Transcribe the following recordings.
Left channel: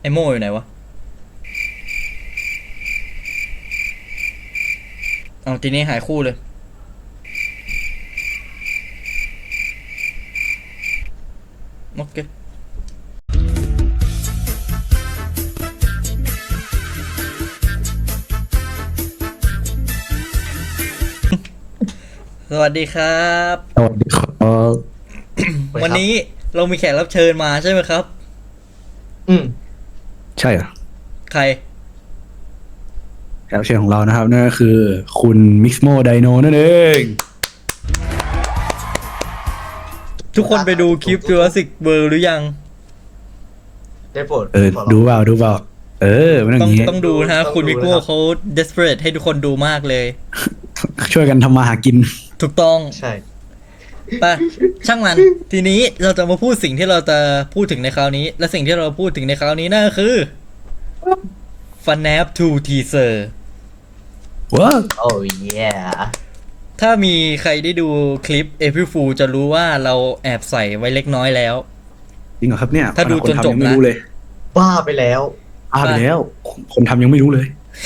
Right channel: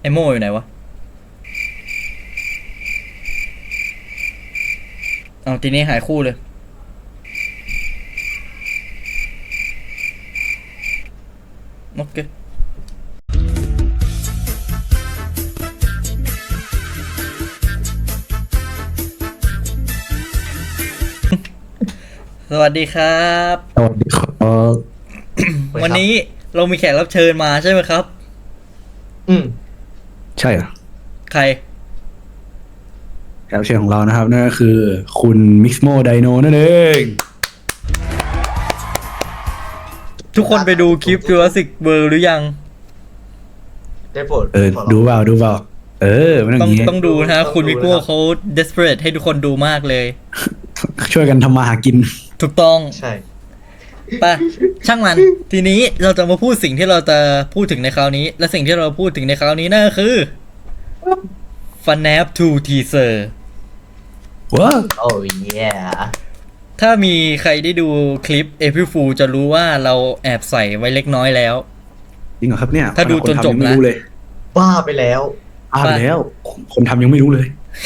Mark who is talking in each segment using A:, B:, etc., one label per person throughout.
A: ไอโม่อยู่ไหนวะเอาทีนี้หายคู่เลยโอเคสวัสดีครับ
B: สวัสดีครับ
A: วันนี้เรามีแขกรับเชิญมาใช่ไหมครับ
B: ใช่เหรอ
A: ใคร
B: แขกรับเชิญของเรานะครับนั่นก็คือคุณมิกซ์โมไดโนนั่นเอง
A: ทุกคนไปดูคลิป Jurassic World หรือยัง
C: ได้โปรด
B: ดูเปล่ามันอย่างงี้
A: ต้องดูนะครับ
C: ต้อง
A: คุณ
C: ดู
A: วิ
C: นะ
A: โก้
C: ครับ
A: เขา desperate ให้ทุกคนดูมากเลย
B: ช่วยกันทำมาหากิน
A: ถูกต้อง
C: ใช่
A: ไปช่างมัน ทีนี้เราจะมาพูดสิ่งที่เราจะพูดถึงในคราวนี้ และสิ่งที่เราพูดถึงในคราวนี้นั่นก็คือ FNAF 2 Teaser
B: ว้า
C: โอ้ย
A: ถ้ามีใครได้ดูคลิป April Fool จะรู้ว่าเราแอบใส่ไว้เล็กน้อยแล้ว
B: จริงเหรอครับเนี่ยขนาดคนทำยังไม่รู้เลย
C: บ้าไปแล้ว
B: ไปแล้ว คนทำยังไม่รู้เลย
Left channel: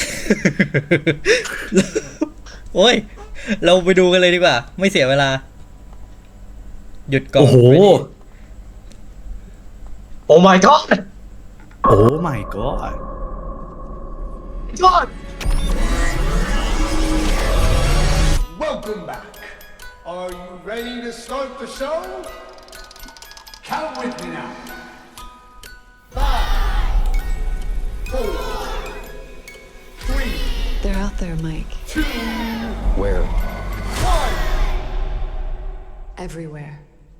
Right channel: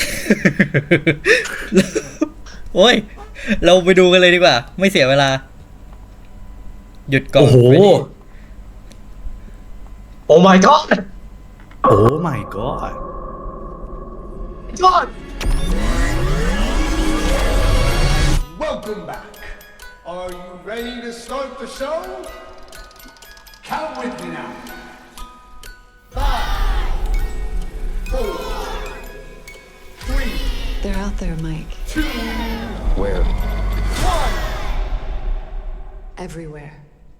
A: โอ้ย เราไปดูกันเลยดีกว่า ไม่เสียเวลา หยุดก่อน
B: โอ้โห
C: โอ้ my god
B: โอ้ my god
C: god
D: Welcome back. Are you ready to start the show? Count with me now. 5, 4, 3,
E: They're out there, Mike.
D: 2,
B: where
D: 1.
E: Everywhere.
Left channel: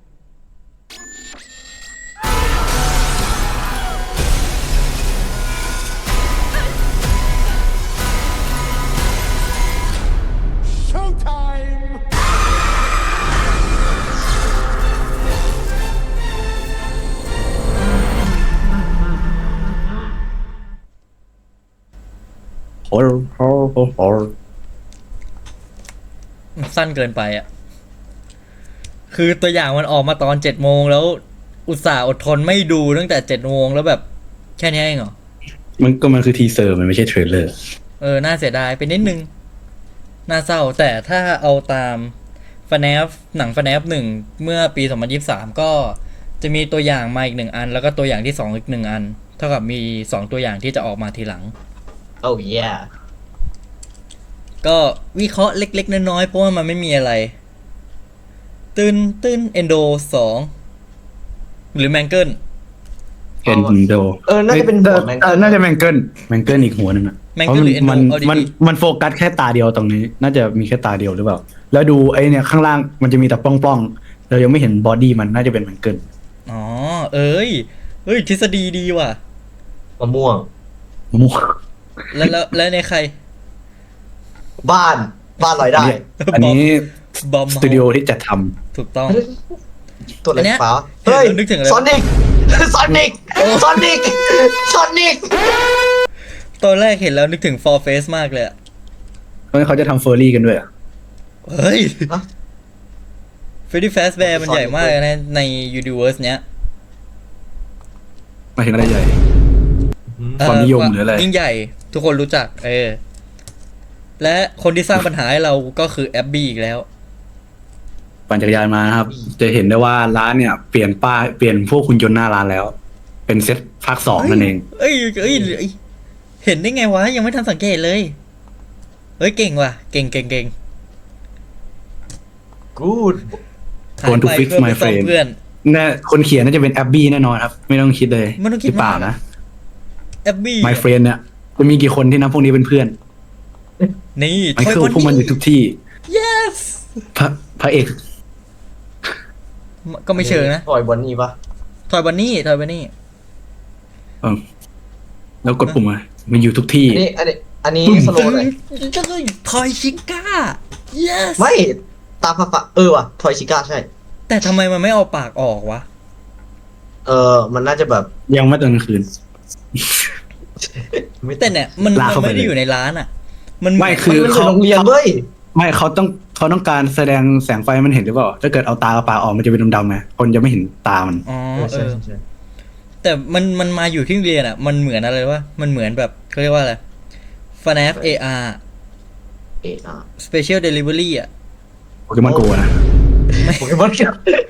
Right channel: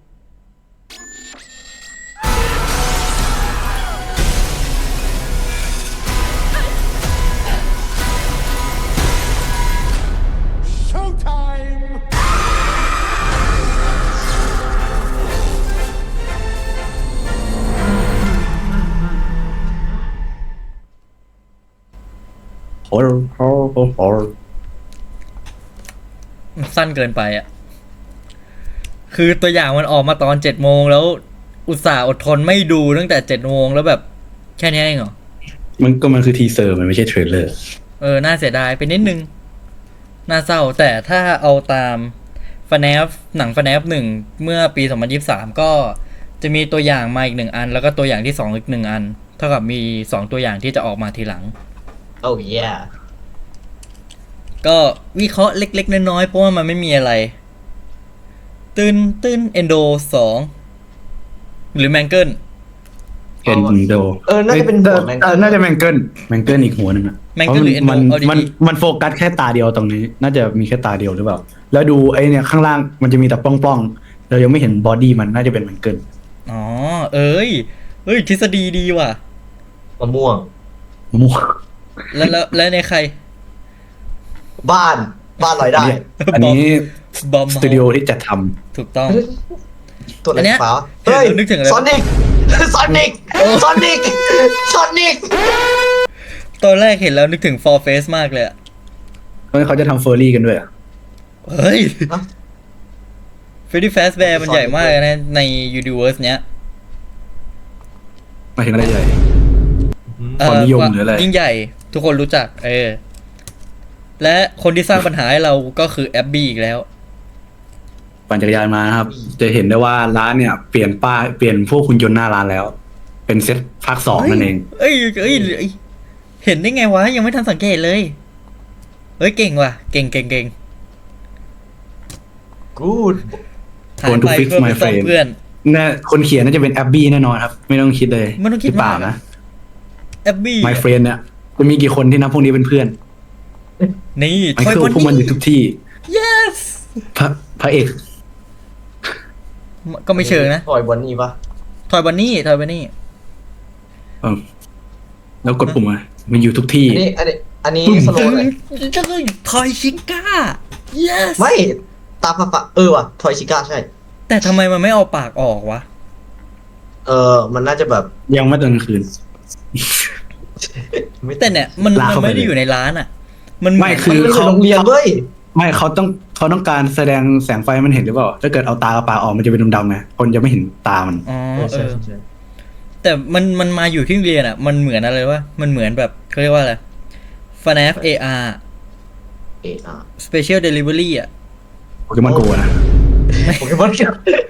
D: Showtime!
B: โอ้โห
A: มันสั้นเกินไปอ่ะ คือตัวอย่างมันออกมาตอน7 โมงแล้ว อุตส่าห์อดทนไม่ดูตั้งแต่7 โมงแล้วแบบแค่นี้เองเหรอ
B: มันคือทีเซอร์มันไม่ใช่เทรลเลอร์
A: น่าเสียดายไปนิดนึง น่าเศร้า แต่ถ้าเอาตาม FNAF หนัง FNAF 1 เมื่อปี 2023 ก็จะมีตัวอย่างมาอีก1 อัน แล้วก็ตัวอย่างที่2อีก1 อัน เท่ากับมี2ตัวอย่างที่จะออกมาทีหลัง
C: โอ้ย
A: ก็วิเคราะห์เล็กๆน้อยๆเพราะว่ามันไม่มีอะไร ตื้นเอนโด2 หรือแมงเกิล
B: เห็นโด
C: น่าจะเป็นหัวแมงเกิล
B: น่าจะแมงเกิลอีกหัวหนึ่งอ่ะ เพราะมันโฟกัสแค่ตาเดียวตรงนี้ น่าจะมีแค่ตาเดียวหรือเปล่า แล้วดูไอเนี่ยข้างล่างมันจะมีแต่ป้องๆเรายังไม่เห็นบอดี้มันน่าจะเป็นแมงเกิล
A: อ๋อ เอ้ยทฤษฎีดีว่ะ
C: มะม่วง
B: มั่ว
A: แล้วในใคร
C: บ้านลอยได้
B: อันนี้
A: บอม
B: สตูดิโอที่จัดท
A: ถูกต้อง
C: ตัวอะไรฟ้า เฮ้ย
A: นึกถึงอะไร
C: ซอนิก ซอนิก
A: ตอนแรกเห็นแล้วนึกถึง For Face มากเลยอะ
B: ำเขาจะทำเฟอร์รี่กันด้วยอ่ะ
A: เฮ้ย
C: ฮะ
A: Freddy Fazbear
C: มันคือ
A: มันใหญ่
C: Sonic
A: มาก
C: เว้ย
A: เลยนะใน Universe เนี้ย
B: หมายถึงอะไรใหญ่ ความนิยมหรืออะไร
A: ยิ่งใหญ่ทุกคนรู้จัก และคนที่สร้างปัญหาให้เราก็คือแอบบี้อีกแล้ว
B: ปั่นจักรยานมานะครับ จะเห็นได้ว่าร้านเนี่ยเปลี่ยนป้ายเปลี่ยนพวกคุณยนต์หน้าร้านแล้ว เป็นเซตภาค 2นั่นเอง
A: เอ้ยเห็นได้ไงวะ ยังไม่ทันสังเกตเลย เฮ้ย เก่งว่ะ เก่ง
C: good
B: Going to fix my frame
A: เพื่อน
B: น่าคนเขียนน่าจะเป็นแอบบี้แน่นอนครับ ไม่ต้องคิดเลย
A: ไม่ต้องคิด
B: หรือเปล่านะ
A: แอบบี้
B: My friend เนี่ยจะมีกี่คนที่นับพวกนี้เป็นเพื่อน
A: นี่
B: ไมเคิลพวกมันอยู่ทุกที่
A: yes
B: พระเอก
A: ก็ไม่เชิงนะ
C: ถอยบนนี้ปะ
A: ทอยบันนี่
B: แล้วกดปุ่มมามันอยู่ทุกที่
C: อันนี้สโลว์หน่อย
A: ทอยชิก้า yes
C: ไม่ ตาฝาว่ะ ทอยชิก้าใช่
A: แต่ทำไมมันไม่เอาปากออกวะ
C: มันน่าจะแบบ
B: ยังไม่ตอนกลางคืน
C: ไม่
A: แต่เนี่ยมัน
B: ลากเข้าไปเลย
A: มันอยู่ในร้านอ่ะ
B: ไม่คื
C: มัน
B: อ
C: เป็น
B: เขา
C: โรงเรียนเว้ย
B: ไม่เขาต้องการแสดงแสงไฟมันเห็นหรือเปล่า ถ้าเกิดเอาตากับปากออกมันจะเป็นดำๆไงคนจะไม่เห็นตามัน
A: อ๋อ
C: ใช่
A: แต่มันมาอยู่ที่โรงเรียนอ่ะมันเหมือนอะไรวะมันเหมือนแบบเขาเรียกว่าอะไร FNAF AR
C: เออาร์
A: Special Delivery อ่ะ
B: โปเกมอนโกนะ
C: โปเกมอน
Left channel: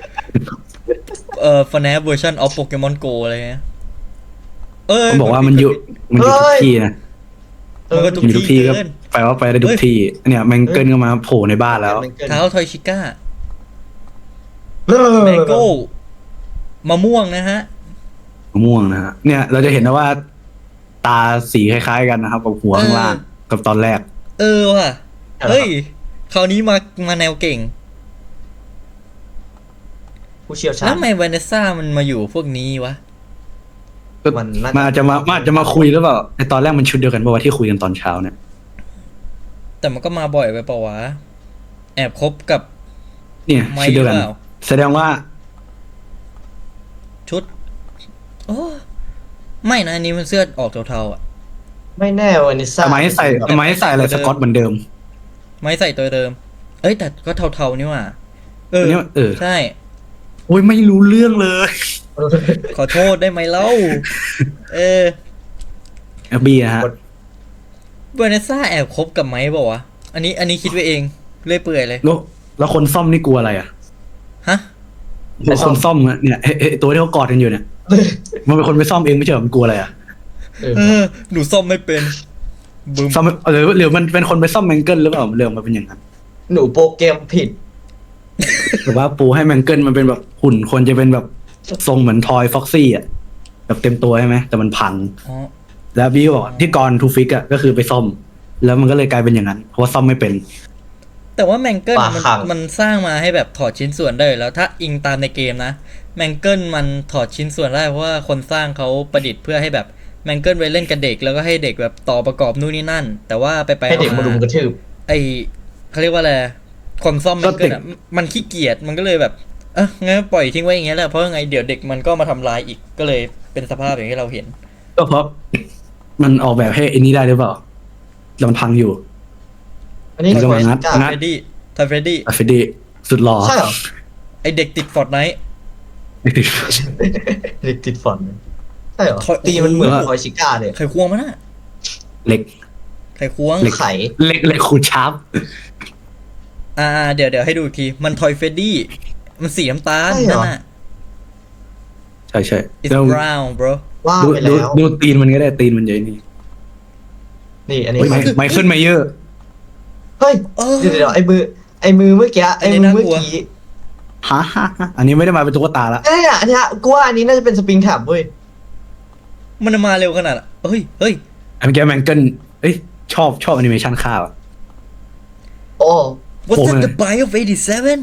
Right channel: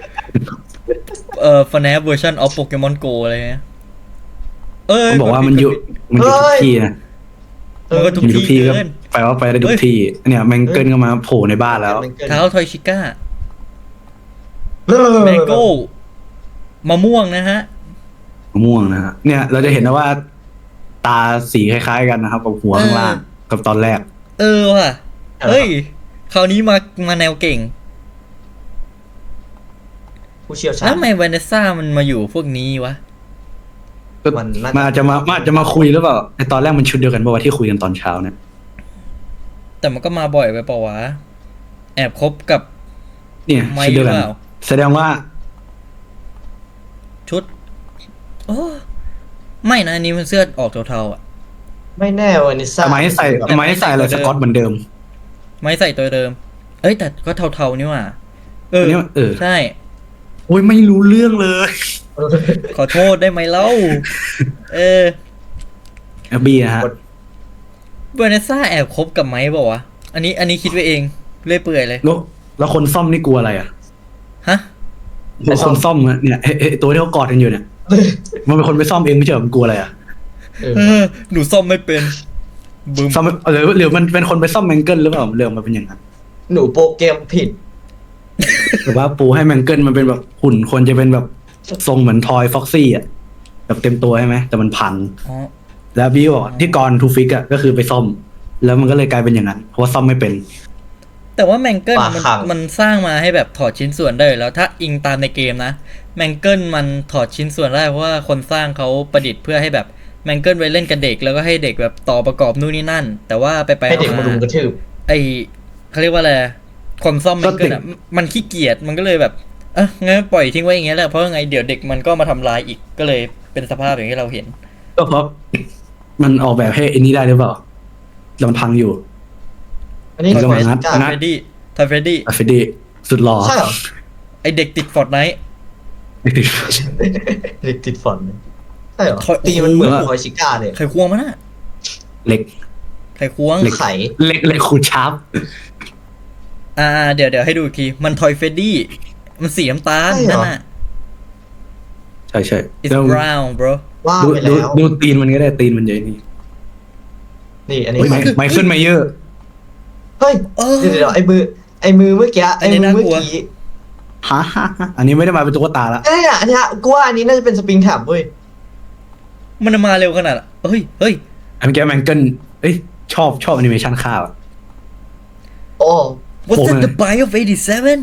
A: FNAF version of Pokemon Go อะไรเงี้ย
B: มันบอกว่ามันอยู่ทุกที่นะ
A: มัน
B: มีทุกที่ก็ไปว่าไปได้ทุกที่เนี่ยแมงเกิลก็มาโผล่ในบ้านแล้ว
A: เท้าทอยชิก้า
C: เริ่ม
A: โอ้มะม่วงนะฮะ
B: มะม่วงนะฮะเนี่ยเราจะเห็นนะว่า ตาสีคล้ายๆกันนะครับกับหัวข้างล่างกับตอนแรก
A: ว่ะ
C: ใช่แล้ว
A: เฮ้
C: ครับ
A: ยคราวนี้มาแนวเก่ง
C: ผู้เชี่ยวชาญ
A: ทำไมวาเนสซ่ามันมาอยู่พวกนี้วะ
C: มันน่า
B: มันอาจจะมาคุยหรือเปล่าในตอนแรกมันชุดเดียวกันป่าวะที่คุยกันตอนเช้าเนี่ย
A: แต่มันก็มาบ่อยไปเปล่าวะแอบคบกับ
B: เนี่ยชุดเดียวกัน
A: ไม่เปล่า
B: แสดงว่า
A: ชุดโอ้ไม่นะอันนี้มันเสื้อออกเทาๆอ่ะ
C: ไม่แน่วานิซ่า
B: ทำไมให้ใส่อะไรสกอตเหมือนเดิม
A: ไม่ใส่ตัวเดิมแต่ก็เทาๆนี่หว่า
B: อันนี้
A: ใช่
B: โอ้ยไม่รู้เรื่องเลย
A: ขอโทษได้ไหมเล่า
B: แอบบี้นะฮะ
A: วาเนสซ่าแอบคบกับไม้บอกวะอันนี้คิดไปเองเรื่อยเปื่อยเลย
B: แล้วคนซ่อมนี่กลัวอะไรอ่ะ
A: ฮะ
B: คนซ่อมอะเนี่ยตัวที่เขากอดกันอยู่เนี่ย มันเป็นคนไปซ่อมเองไม่ใช่เหรอมันกลัวอะไรอ่ะ
C: ว่ะ
A: หนูซ่อมไม่เป็น
B: ซ่อมหรือมันเป็นคนไปซ่อมแมงเกิลหรือเปล่าเรื่องมันเป็นอย่างนั้น
C: หนูโปรแกรมผิด
B: หรือว่าปูให้แมงเกิลมันเป็นแบบหุ่นคนจะเป็นแบบทรงเหมือนทอยฟ็อกซี่อ่ะแบบเต็มตัวใช่ไหมแต่มันพัง
A: อ๋อ
B: แล้วบี้บอกที่กรทูฟิกอ่ะก็คือไปซ่อม แล้วมันก็เลยกลายเป็นอย่างนั้นเพราะว่าซ่อมไม่เป็น
A: แต่ว่าแมงเกิล
C: ปลาคัง
A: มันสร้างมาให้แบบถอดชิ้นส่วนได้อยู่แล้วถ้าอิงตามในเกมนะแมงเกิลมันถอดชิ้นส่วนได้เพราะว่าคนสร้างเขาประดิษฐ์เพื่อให้แบบแมงเกิลไว้เล่นกับเด็กแล้วก็ให้เด็กแบบต่อประกอบนู่นนี่นั่น แต่ว่าไป
C: ให้เด็กมารุมกระทืบ
A: เขาเรียกว่าอะไรคนซ่อม
B: ก็เด็ก
A: มันขี้เกียจมันก็เลยแบบงั้นปล่อยทิ้งไว้อย่างเงี้ยแหละเพราะยังไงเดี๋ยวเด็กมันก็มาทำลายอีกก็เลยเป็นสภาพอย่างที่เราเห็น
B: ก็เพราะมันออกแบบให้อันนี้ได้หรือเปล่าแล้วมันพังอยู่
C: อันนี้
B: มันก็
C: โค
B: มา
C: ชิ
B: งัด
C: ก้า
B: งัด
A: ทาเฟรดดี้
B: อะเฟดีสุดหล่อ
C: ใช่เหรอ
A: ไอเด็กติดฟอร์ดไนท์
C: เด็กติดฝอนเลยใช่เหรอ ตีมันเหมือนทอยชิก้าเลย
A: ไขควงมันอะ
B: เหล็ก
A: ไขควง
B: เหล็ก
C: ไข่
B: เหล็กขูดชาร์ป
A: เดี๋ยวให้ดูอีกทีมันทอยเฟรดดี้มันสีน้ำตาล
C: ใช่เหรอ
B: ใช่
A: It's
B: แล้ว
A: brown bro
C: ว่า
B: ดู
C: ไป
B: ดู
C: แล้ว
B: ดูตีนมันก็ได้ตีนมันใหญ่นี่
C: นี่อันนี้
B: เฮ้ยไมเคิลไมเยอร์
C: เฮ้ย
A: เออ
C: เดี๋ยวไอ้มือเมื่อกี้
B: ฮะอันนี้ไม่ได้มาเป็นตุ๊กตาละ
C: เนี่ยอันเนี้ยกูว่าอันนี้น่าจะเป็นสปริงแท็บเว้ย
A: มันมาเร็วขนาดนั้นเฮ้ย
B: อันเมื่อกี้แมงเกิลเอ้ยชอบแอนิเมชันข้าวอะ
C: โอ้
B: โผล่มาเลย
A: Buy of 87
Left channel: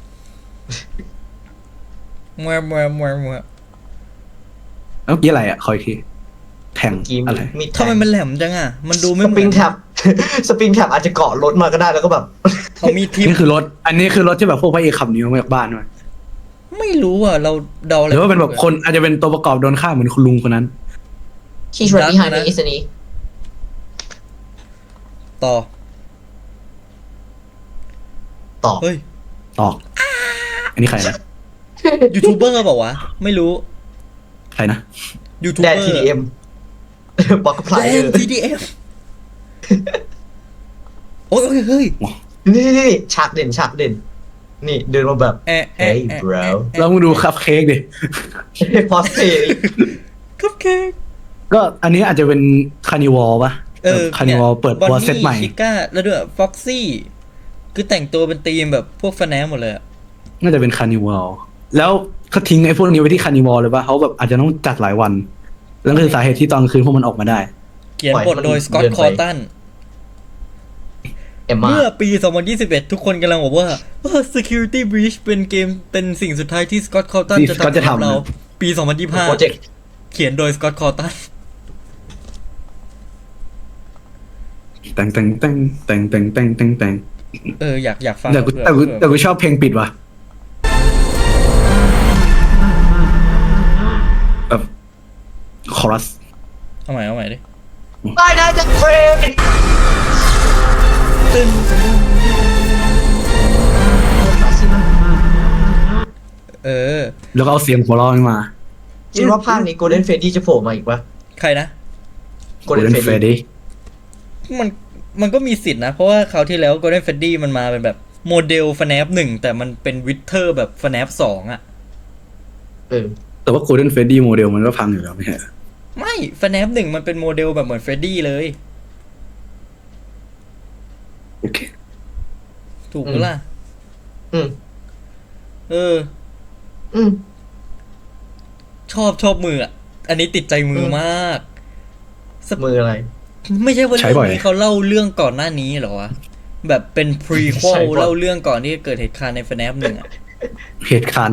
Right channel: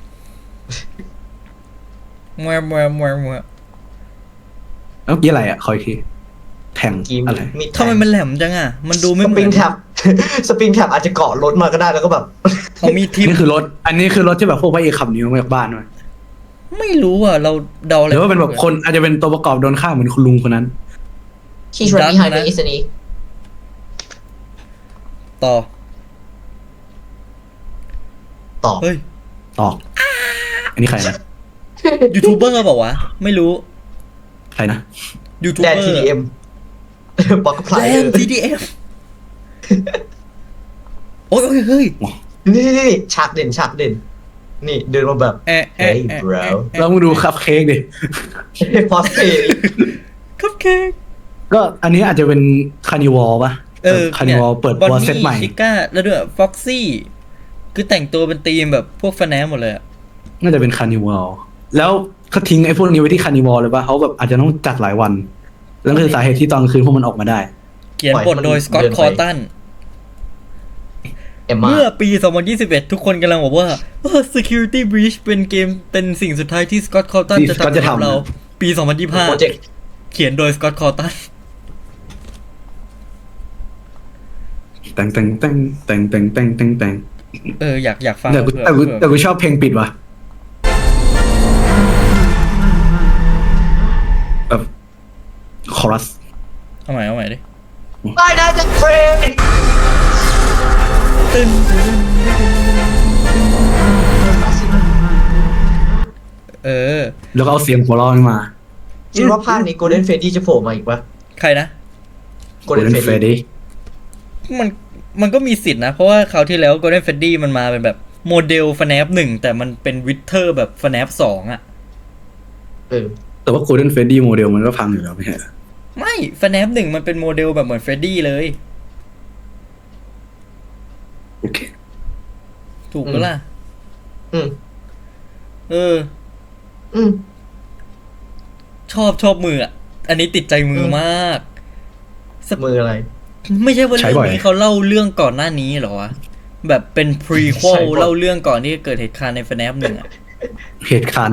A: มัว
B: แล้วเมื่อกี้อะไรอ่ะคอยทีแทง
C: กีม
B: อะไร
C: มีดแท
A: ทำไม
C: ง
A: มันแหลมจังอ่ะมันดูไม่
C: สปริงแท็บ สปริงแท็บอาจจะเกาะรถมาก็ได้แล้วก็แบบ
A: มีที
B: อันนี้คือรถที่แบบพวกพระเอกขับหนีออกมาจากบ้านมา
A: ไม่รู้อ่ะเราเดา
B: หรือว่าเป็นแบบคนอาจจะเป็นตัวประกอบโดนฆ่าเหมือนคุณลุงคนนั้น
C: He's right behind me isn't he
A: ต่อ
C: ตอบ
A: เฮ้ย
B: ตอกอันนี้ใครนะ
A: ยูทูบเบอร์บอกว่าไม่รู้
B: ใครนะ
A: ยูทูบ
C: แดน TDM บอกกับพลายเยอะ
A: TDM โอ้ยเฮ้ย
C: นี่ฉากเด่น นี่เดินมาแบบ Hey bro
B: แล้วมึงดูคัพเค้กดิ
C: พอสเพย์
A: คัพเค้ก
B: ก็อันนี้อาจจะเป็นคานิวอลป่ะแบบคานิวอลเปิดตัวเซตใหม่
A: ก้าแล้วด้วยฟ็อกซี่คือแต่งตัวเป็นธีมแบบพวกแฟนแนมหมดเลยอะ
B: น่าจะเป็นคานิวอลแล้วเขาทิ้งไอ้พวกนี้ไว้ที่คานิวอลเลยป่ะเขาแบบอาจจะต้องจัดหลายวันแล้วก็คือสาเหตุที่ตอนกลางคืนพวกมันออกมาได้
A: เขียน
C: ปล่อย
A: บ
C: ให้
A: ท
C: มัน
A: โดยสกอต
C: เดิน
A: ค
C: ไป
A: อร์ตัน
C: เอมมา
A: เมื่อปี 2021 ทุกคนกำลังบอกว่า security breach เป็นเกมเป็นสิ่งสุดท้ายที่สกอตคอร์ตัน
B: ที่ Scott จะทำนะ
A: ปี
C: โปรเจกต์
A: 2025 เขียนโดยสกอตคอร์ตัน
B: แต่ง
A: อยากฟัง
B: แต่กูชอบเพลงปิดว่ะแบบคอรัส
A: เอาใหม่ดิ
C: ไม่ได้จะเฟรน
A: เออ
B: แล้วก็เอาเสียงหัวเราะมา
C: คิดว่าภาคนี้โกลเด้นเฟดดี้จะโผล่มาอีกปะ
A: ใครนะ
C: โกลเด้นเฟด
B: เฟรด
C: ดี้
B: ดี้
A: มันก็มีสิทธินะ เพราะว่าคราวที่แล้ว Golden Freddy มันมาเป็นแบบโมเดล FNAF 1 แต่มันเป็นวิเทอร์แบบ FNAF 2 อ่ะ
C: เออ
B: แต่ว่า Golden Freddy โมเดลมันก็พังอยู่แล้วไม่ใช่เหรอ
A: ไม่ FNAF 1 มันเป็นโมเดลแบบเหมือน Freddy เลย
B: โอเค
A: ถูกปะล่ะ
C: อืม
A: เออ
C: อืม
A: ชอบมืออ่ะ อันนี้ติดใจมือมาก
C: มืออะไร
A: ไม่ใช่ว่า
B: ใช้บ่อย
A: ที่เขาเล่าเรื่องก่อนหน้านี้เหรอวะ แบบเป็นพรี
C: ใช้บ่อย
A: เล่าเรื่องก่อนที่เกิดเหตุการณ์ใน FNAF 1 อะ
B: เหตุการณ์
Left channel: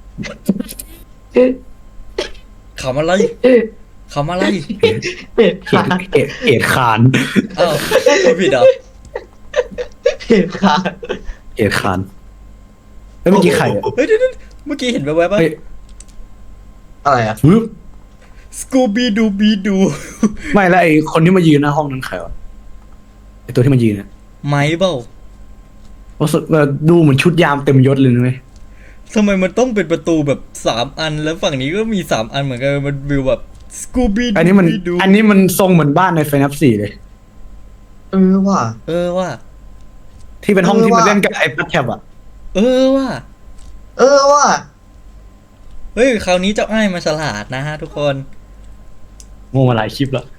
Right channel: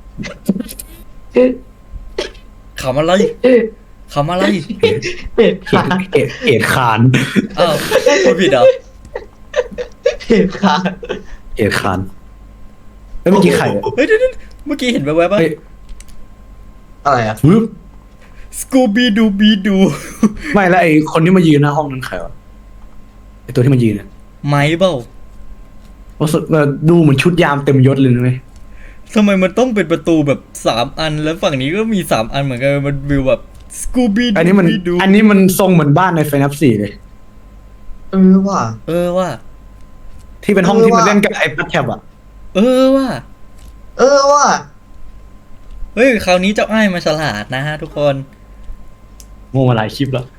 A: เขามาไล่เขามาไล่
C: เหตุการณ์
B: เหตุการณ์
A: อ้าวผิดเหรอ
C: เหตุการณ์
B: เหตุการณ์แล้วเมื่อกี้ใครอ่ะ
A: เฮ้ยเดี๋ยวเมื่อกี้เห็นแวบๆว่า
B: เฮ้ย
C: อะไรอ่ะ
B: วึบ
A: สกูบีดูบีดู
B: ไม่แล้วไอ้คนที่มายืนหน้าห้องนั้นใครวะไอ้ตัวที่มายืนเนี่ย
A: ไม้เปล่า
B: รู้สึกดูเหมือนชุดยามเต็มยศเลยนะเว้ย
A: ทำไมมันต้องเป็นประตูแบบ3 อันแล้วฝั่งนี้ก็มี3 อันเหมือนกันมันวิวแบบสกูบี
B: อันนี้มันทรงเหมือนบ้านในไฟนับ4เลย
C: เออว่ะ
A: เออว่า
B: ที่เป็นห้อง
C: เออ
B: ที่มัน
C: ว่ะ
B: เล่นกับไอ้พัดแท็บอ่ะ
A: เออว่า
C: เออว่ะ
A: เฮ้ยคราวนี้เจ้าอ้ายมาฉลาดนะฮะทุกคน
B: โง่มาหลายคลิปแล้ว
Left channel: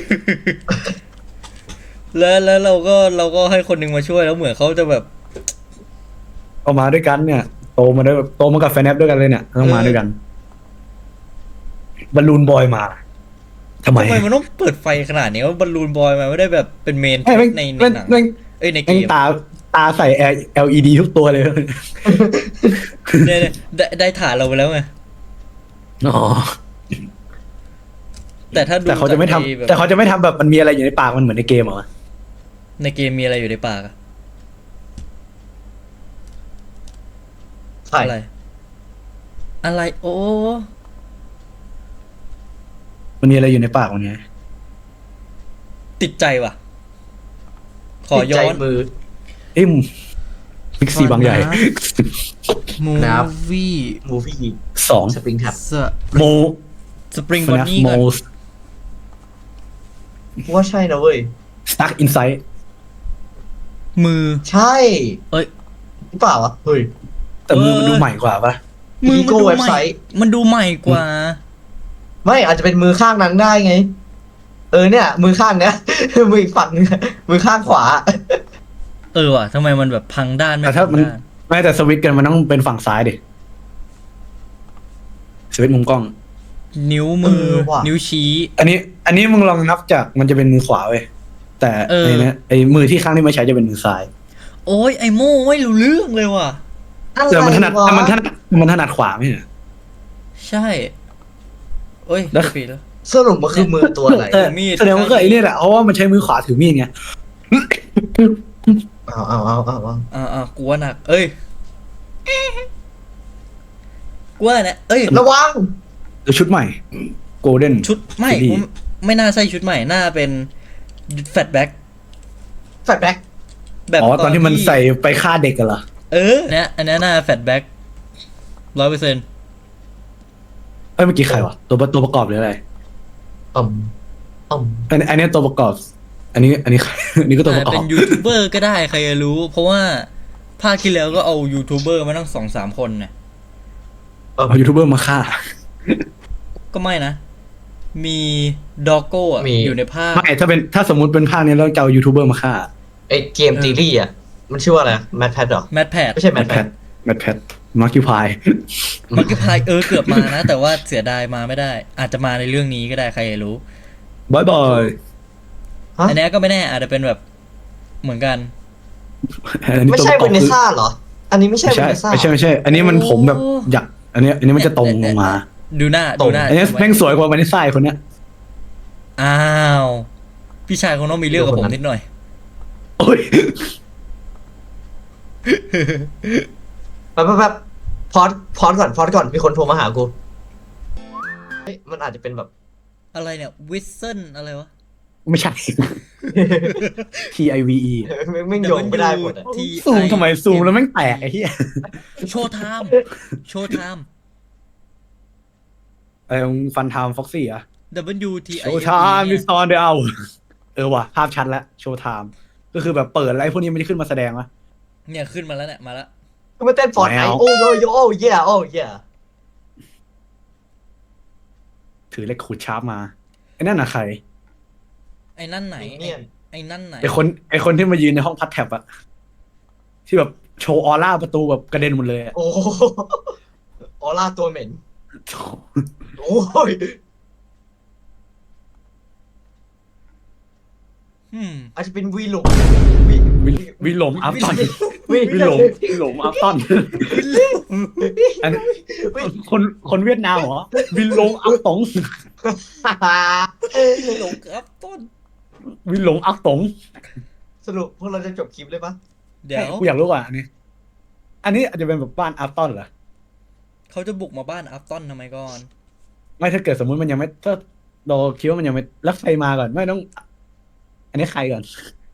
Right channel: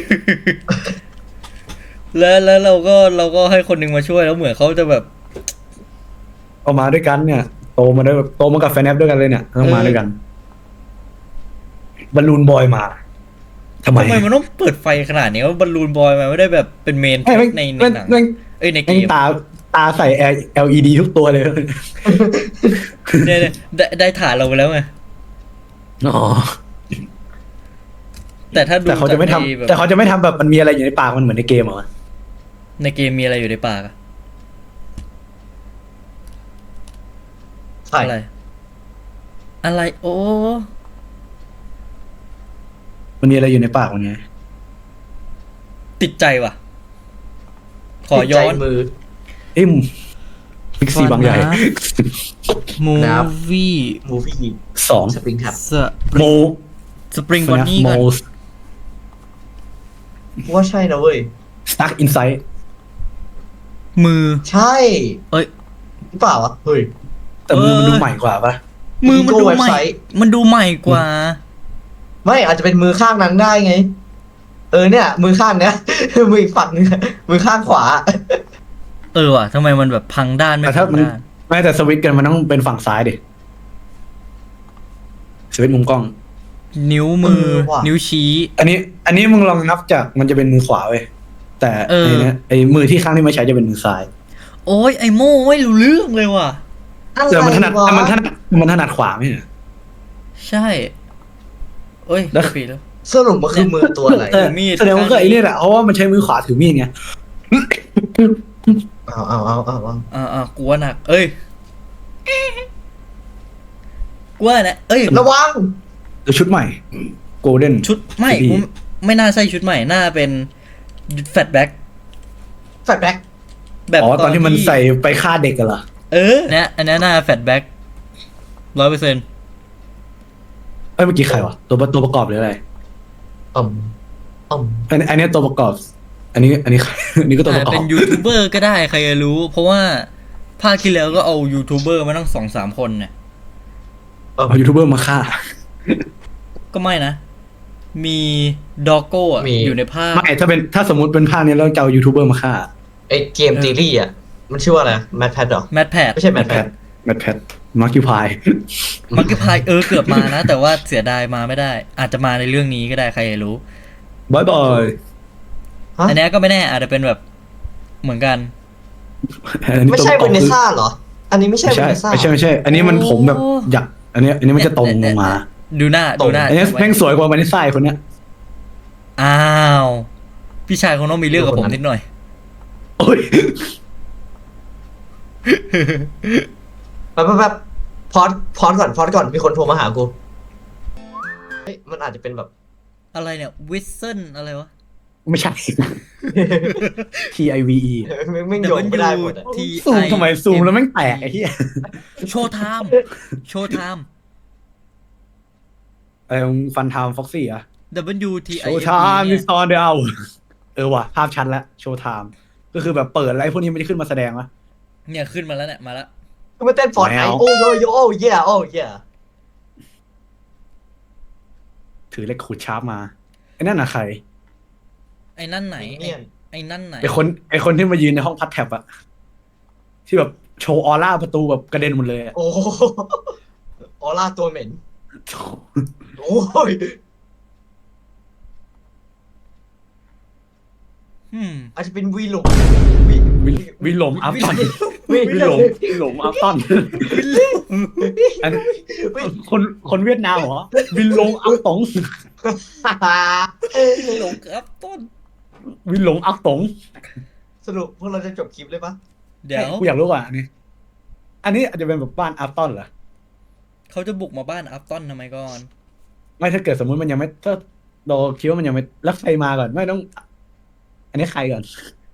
A: แล้วเราก็ให้คนหนึงมาช่วยแล้วเหมือนเขาจะแบบ
B: เอามาด้วยกันเนี่ย โตมากับไฟนับด้วยกันเลยเนี่ยต้องมาด้วยกันบอลลูนบอยมาทำไม
A: ทำไมมันต้องเปิดไฟขนาดนี้ว่าบอลลูนบอยมันไม่ได้แบบเป็นเมน
B: ไม่แม่ง
A: ใน
B: แม่งแม่ง
A: เอ้ยในเก
B: แม่ง
A: ม
B: ตาใส่ LED ทุกตัวเลย
A: เนี่ยได้ถ่ายเราไปแล้วไง
B: อ๋อ
A: แต่ถ้าดู
B: แต่เขาจะไม่ทำ
A: แบบ
B: แต่เขาจะไม่ทำแบบมันมีอะไรอยู่ในปากมันเหมือนในเกมเหรอ
A: ในเกมมีอะไรอยู่ในปากอะ
C: ใช่
A: อะไรโอ้
B: มันมีอะไรอยู่ในปากมันไง
A: ติดใจว่ะขอ
C: ติดใจ
A: ย้อน
C: มือ
B: เอ็มบิ๊กซีบางใหญ่
A: มู
C: นะครับ
A: วี่
C: มูฟี่
B: 2
C: สปริงแท็บ
B: โม
A: สปริง
B: ฟนัฟโม
C: ว่าใช่นะเว้ย
B: สตั๊กอินไซด์
A: มือ
C: ใช่
A: เอ้ย
C: หรือเปล่าวะเฮ้ย
B: แต่มือมันดูใหม่กว่าปะ
A: มื
C: อีโก้เว็บไซต์
A: มันดูใหม่กว่า
C: ไม่อาจจะเป็นมือข้างนั้นได้ไง เออเนี่ย มือข้างเนี้ย มืออีกฝั่งนึงมือข้างขวา
A: เออว่ะทำไมมันแบบพังด้าน
B: แต่ถ้ามัน
A: พังด้
B: ไม่แต่สวิตช์กันมันต้องเป็นฝั่งซ้ายดิสวิตช์มุมกล้อง
A: นิ้ว
C: เอ
A: มือ
C: อว่ะ
A: นิ้วชี้
B: อันนี้มึงลองนับจากมันจะเป็นมือขวาเว้ยแต่
A: เออ
B: ไอ้นะไอ้มือที่ข้างที่ไม่ใช้จะเป็นมือซ้าย
A: โอ้ยไอโม่ไม่รู้เรื่องเลยว่ะ
C: อะไร
B: แต่มันถนัด
C: วะ
B: มันถนัดขวาไม่ใช่เหรอ
A: ใช่เอ้ย
B: แล้ว
A: ผิดแล้ว
C: สรุปมันคือมือตัวอะไร
A: มีด
B: แสดงว่าก็ไอ้เนี่ยแหละเพราะว่ามันใช้มือขวาถือมีดไง
C: เอา
A: กูว่าหนักเอ้ยกูว่านะเอ้ย
C: ระวัง
B: แล้วชุดใหม่ Golden
A: ชุดไม่
B: Freddy
A: ไม่น่าใช่ชุดใหม่น่าเป็นแฟตแบ็ค
C: แฟลชแบ็ก
A: แบบ
B: อ๋อตอนที่มันใส่ไปฆ่าเด็กกันเหรอ
A: เนี่ยอันนี้น่าแฟตแบ็ค100%
B: เอ้ยเมื่อกี้ใครวะตัวประกอบหรืออะไร
C: อืม
B: อันนี้ตัวประกอบ อันนี้ อันนี้ก็ตัวประกอบ
A: เป็นยูทูบเบอร์ก็ได้ใครจะรู้ เพราะว่าภาคที่แล้วก็เอายูทูบเบอร์มาตั้ง2-3 คนเนี่ย
B: เอายูทูบเบอร์มาฆ่า
A: ก็ไม่นะ มีดอกโก้อะ
C: มี
A: อยู่ในภาค
B: ไม่ถ้าสมมติเป็นภาคนี้เราจะเอายูทูบเบอร์มาฆ่า
C: ไอเกมตีรี่อ่ะ มันชื่อว่าอะไรแมทแพดหรอ
A: แมทแพด
C: ไม่ใช่แมทแพด
B: แมทแพทมาร์คิวพาย
A: ใครเกือบมานะ แต่ว่าเสียดายมาไม่ได้ อาจจะมาในเรื่องนี้ก็ได้ใครจะรู้
B: บายบาย
C: ฮะ
A: อันนี้ก็ไม่แน่อาจจะเป็นแบบเหมือนกัน
B: อันนี้
C: ไม่
B: ตัว
C: ใช่
B: ประก
C: เว
B: อบ
C: เน
B: คือ
C: ซ่าเหรอ อันนี้ไม่ใช่
B: ไม่
C: เว
B: ใช่
C: เนซ่า
B: ไม่ใช่ อันนี้มันผมแบบอยากอันนี้มันจะตรงลงมา
A: ดูหน้า
C: ตรง
A: ดูหน้า
B: อันนี้แม่งสวยกว่ามันนี่ไส้คนเนี้ย
A: อ้าวพี่ชายคงต้องมีเรื่องกับผมนิดหน่อย
B: โอ้ย
C: แบบพอดก่อนมีคนโทรมาหากูเฮ้ยมันอาจจะเป็นแบบ
A: อะไรเนี่ยวิสเซนอะไรวะ
B: ไม่ใช่ TIVE
C: ไม่งโยงไม่ได้หมดอ่ะ
B: ซูมทำไมซูมแล้วแม่งแตกไอ้เหี้ย
A: โชว์ไทม์โชว์ไทม์
B: ฟันไทม์ฟ็อกซี่อะ
A: WT
B: โชว์ไทม์มิสออนเดลว่ะภาพชัดแล้วโชว์ไทม์ก็คือแบบเปิดอะไรพวกนี้ไม่ได้ขึ้นมาแสดงวะ
A: เนี่ยขึ้นมาแล้วเนี่ยมาละ
C: ก็มาเต้นฟอร์ดไน
B: แมว
C: โอ้โยโยโอ้เย่โอ้เย่
B: ถือเลขขูดชาร์ปมาไอ้นั่นน่ะใคร
A: ไอ้นั่นไหน
C: มินเนี่ยน
A: ไอ้นั่นไหน
B: ไอ้คนที่มายืนในห้องพัดแท็บอะที่แบบโชว์ออร่าประตูแบบกระเด็นหมดเลยอะ
C: โอ้โหออร่าตัวเหม็นโอ้ย
A: อืม
C: อาจจะเป็นวีหลง
B: วิลลมอัพตัน
C: วี
B: วิลลมอัพตันอันนี้
C: วี
B: คนเวียดนามเหรอวิลลงอัพตง
A: ครับต้น
B: วิลลงอัพตง
C: สรุปพวกเราจะจบคลิปเลยปะ
A: เดี๋ย
B: ไอ้
A: วย
B: กูอยากรู้อ่ะอันนี้อาจจะเป็นแบบบ้านอัพตันเหรอ
A: เขาจะบุกมาบ้านอัพต้นทำไมก่อน
B: ไม่ถ้าเกิดสมมุติมันยังไม่ถ้าเราคิดว่ามันยังไม่รักใครมาก่อนไม่ต้อง อันนี้ใครก่อน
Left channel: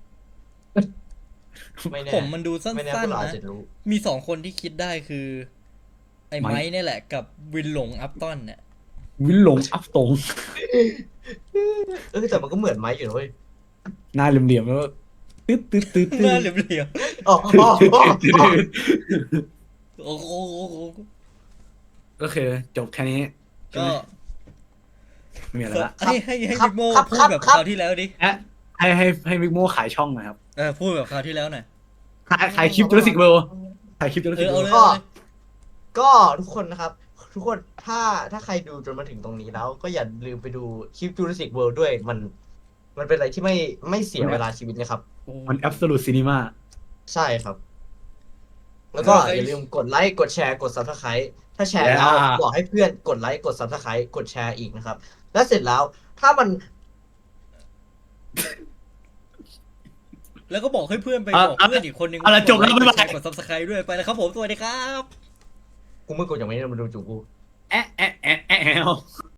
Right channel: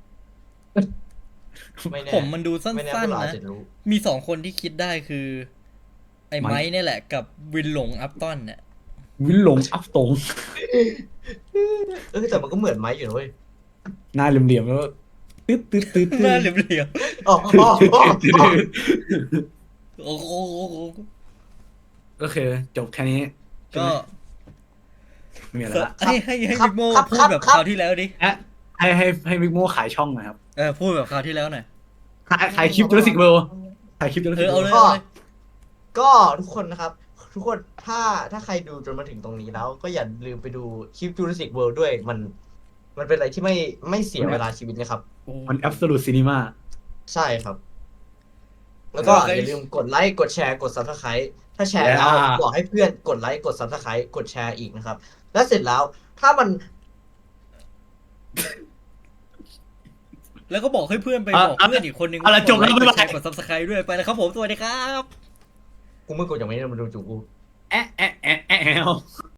C: ไม่แน่
A: ผมมันดูสั้นๆ
C: ไม่แน่พวกเราอาจจะรู้
A: มีสองคนที่คิดได้คือ ไอ้
B: ไม้
A: ไม้เนี่ยแหละกับวินหลงอัพต้นเนี่ย
B: วิลลงอัพตง
C: แต่มันก็เหมือนไม้อยู่นะเว้ย
B: หน้าเหลี่ยมๆแล้วก็ตึ๊ดตึ๊ดตึ๊ด
A: ห
B: ตึ๊
A: น้า
B: ด
A: เหลี่ยม
C: อ๋ออ๋ออ๋อ
A: ๆโอ้โห
B: ก็คือจบแค่นี้ใช่ไหมไม่มีอะไรละ
C: ครับ
A: ให้
C: ครับ
A: พี่โม่
C: ครับ
A: พูด
C: ครับ
A: แบบ
C: ครับ
A: คราวที่แล้วดิ
B: ให้มิกโมขายช่องหนะครับ
A: พูดแบบคราวที่แล้วหน่อย
B: ขายคลิปจูราสสิกเวิลด์ขายคลิปจูราสสิกเวิลด์
C: ก็ทุกคนนะครับ ทุกคนถ้าใครดูจนมาถึงตรงนี้แล้ว ก็อย่าลืมไปดูคลิป Jurassic World ด้วยมันเป็นอะไรที่ไม่เสียเวลาชีวิตนะครับ
B: มัน absolute cinema
C: ใช่ครับ แล้วก็อย่าลืมกดไลค์กดแชร์กด Subscribe ถ้าแชร์แล้ว
B: Yeah
C: บอกให้เพื่อนกดไลค์กด Subscribe กดแชร์อีกนะครับ แล้วเสร็จแล้วถ้ามัน
A: แล้วก็บอกให้เพื่อนไป
B: อ่ะ
A: บอกเพื่อนอีกคนนึง
B: เอาละจบแล้วบ๊ายบาย
A: กด subscribe ด้วยไปแล้วครับผมสวัสดีครับ
C: กูไม่กดอย่างนี้มันดูจูกู
B: แอะ